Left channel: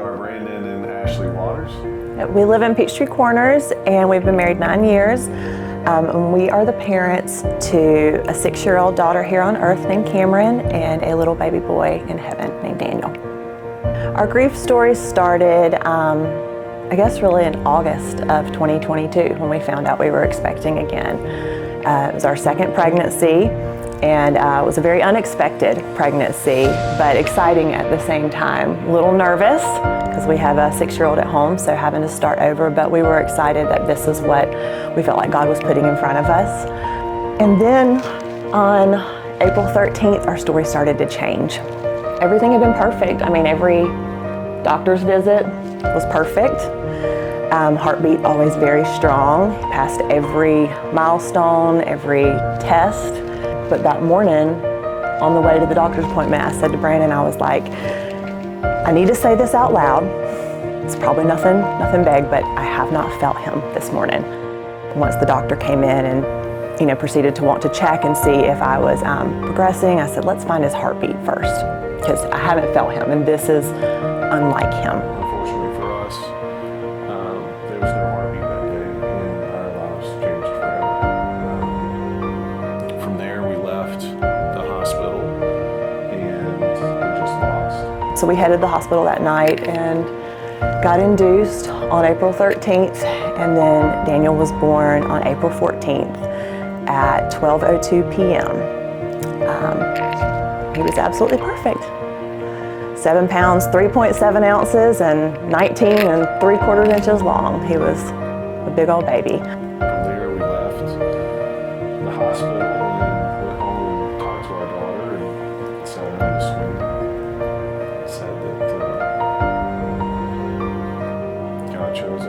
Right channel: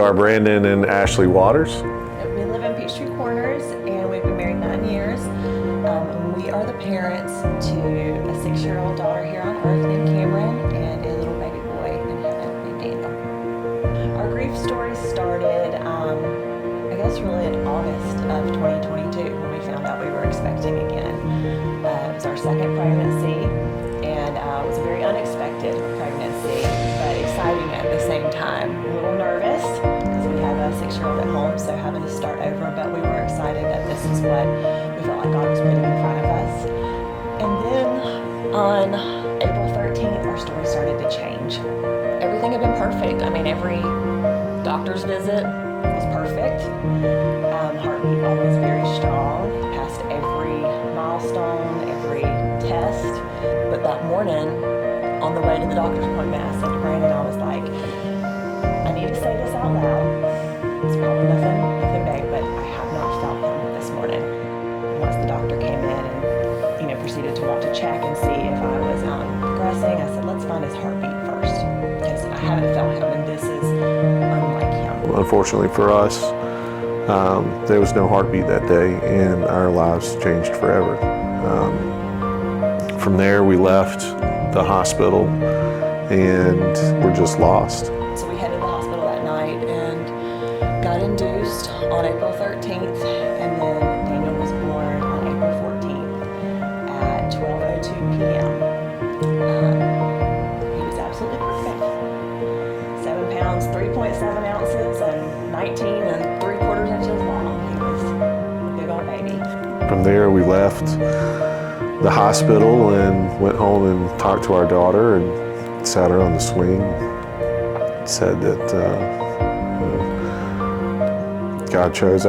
are Brandon and Ashley Waters. We live in Peachtree Corners, and we've been married 9 years. And we are the parents to a 6-year-old daughter here on earth named Cameron and a little baby boy in heaven named Daniel. Our grief story started, I guess really in August of 2022 when we found out we were expecting again. It was our second pregnancy, and it was a very unexpected pregnancy, but exciting at the same time. A little nervous because we have a 6-year-old at home, so having to start over, but we were excited that this is what we felt like God was putting in front of us. And then on April 13th, our story started to change. Everything had been perfect. I mean, every doctor's visit was perfect. Heartbeat always very strong. Passed every milestone, every test. But that morning, on the way to the doctor's appointment, I said to Brandon, I was like, I need to say this out loud. It's probably nothing big, but I have not felt him this morning. Once the doctor came in and proceeded to want to check and see if I was progressing, I said, let's find his heartbeat first, because I haven't felt him, and this is unlike him. Unfortunately for us, there was no heartbeat that day, and our lives changed forever. From there, we left the hospital, and we're just lost. So we headed to the hospital that night and got induced on April 13th, and then Daniel was born on April 14th at 12:02 p.m. He was absolutely perfect. 7 pounds, 3.7 ounces, and 19 3/4 inches long. He was a big old baby. From there, we left the hospital and went home and talked to our daughter and sat her on the swing. Said that God chose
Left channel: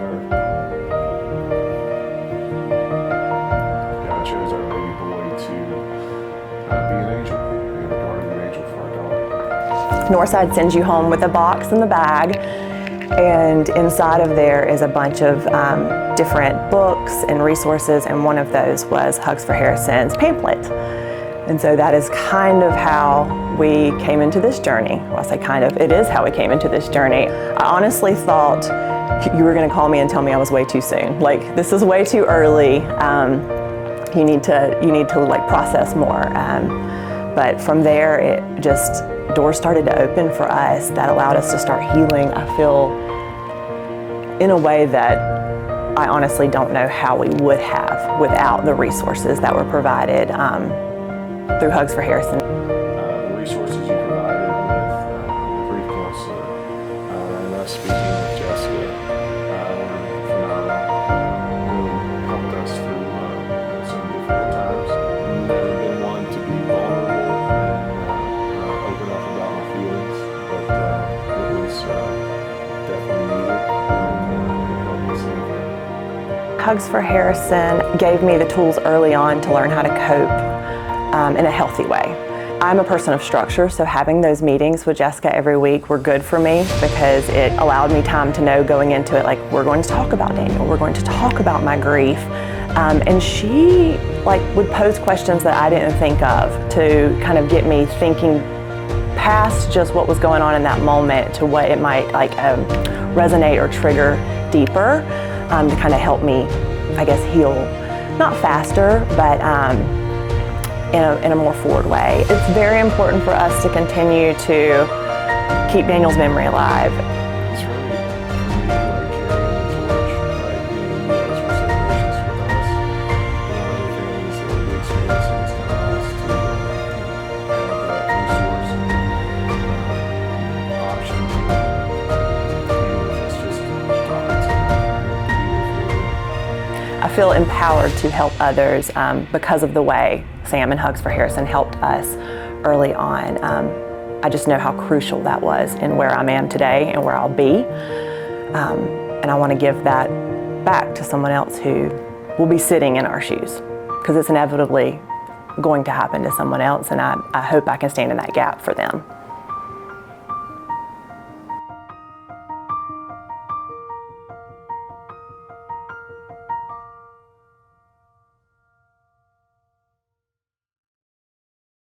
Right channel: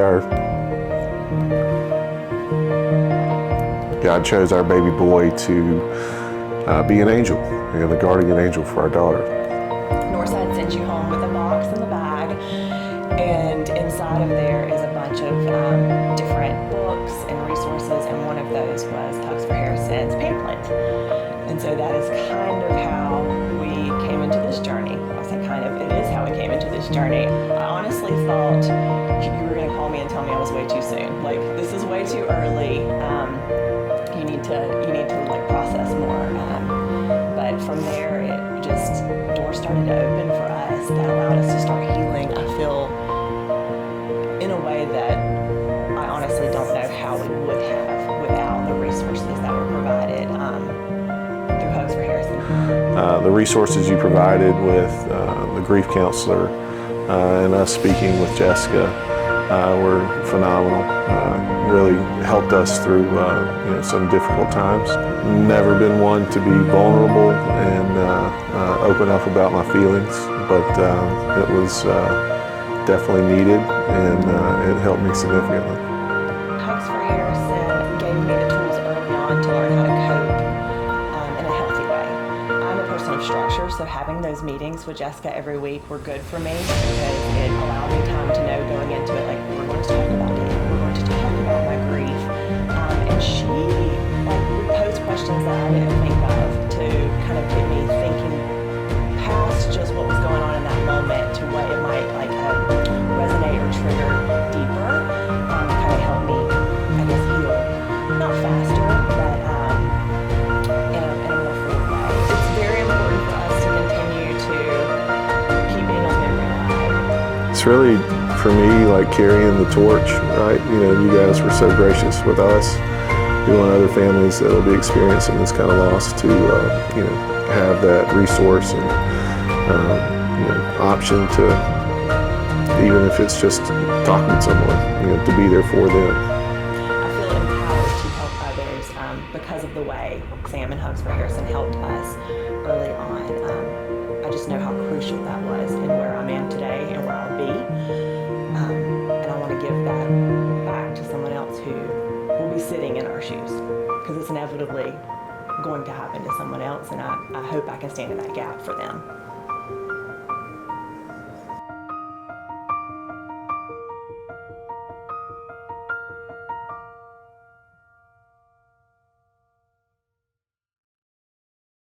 our baby boy to be an angel, a guardian angel for our daughter. Northside sends you home with a box in the bag, and inside of there is a bunch of different books and resources, and one of those was Hugs for Harrison's pamphlet. And so that is kind of how we came into this journey. Well, I say kind of, it is how we came into this journey. I honestly thought you were gonna call me and tell me I was way too soon. Like, this is way too early. You need to like process more. But from there, it just, doors started to open for us that allowed us to start healing, I feel, in a way that I honestly don't know how we would have without the resources that were provided through Hugs for Harrison. The resources you provided with the grief counselor and us speaking with Jessica were phenomenal. Really helped us through some difficult times. Never been one to be vulnerable and open up about my feelings, but it was definitely needed, and it helped me significantly. Hugs for Harrison gave me the tools early on to learn how to cope in a healthy way. I'm a person of structure, so having those meetings with Jessica every week were good for me because it allowed me time to know going into it, like, we're going to talk about Daniel, we're going to talk about my grief. And she would pose questions that I didn't think of to kind of get me thinking past just what was going on in that moment to what it might resonate or trigger deeper, to kind of help me, I guess, heal, not faster, but in a more forward way. It's very important for us to continue to keep Daniel's memory alive. It's really, for me, like carrying the torch, right? You guys were so gracious with us. We want other families that will be experiencing this kind of loss to, have that resource and, option to, even if it's just talking to someone, to be there for them. I feel empowered to help others because of the way Sam and Hugs for Harrison helped us early on. I just know how crucial that was in where I am today and where I'll be. And I want to give that back to someone else who will be sitting in our shoes, because it's inevitably going to happen to someone else, and I hope I can stand in that gap for them.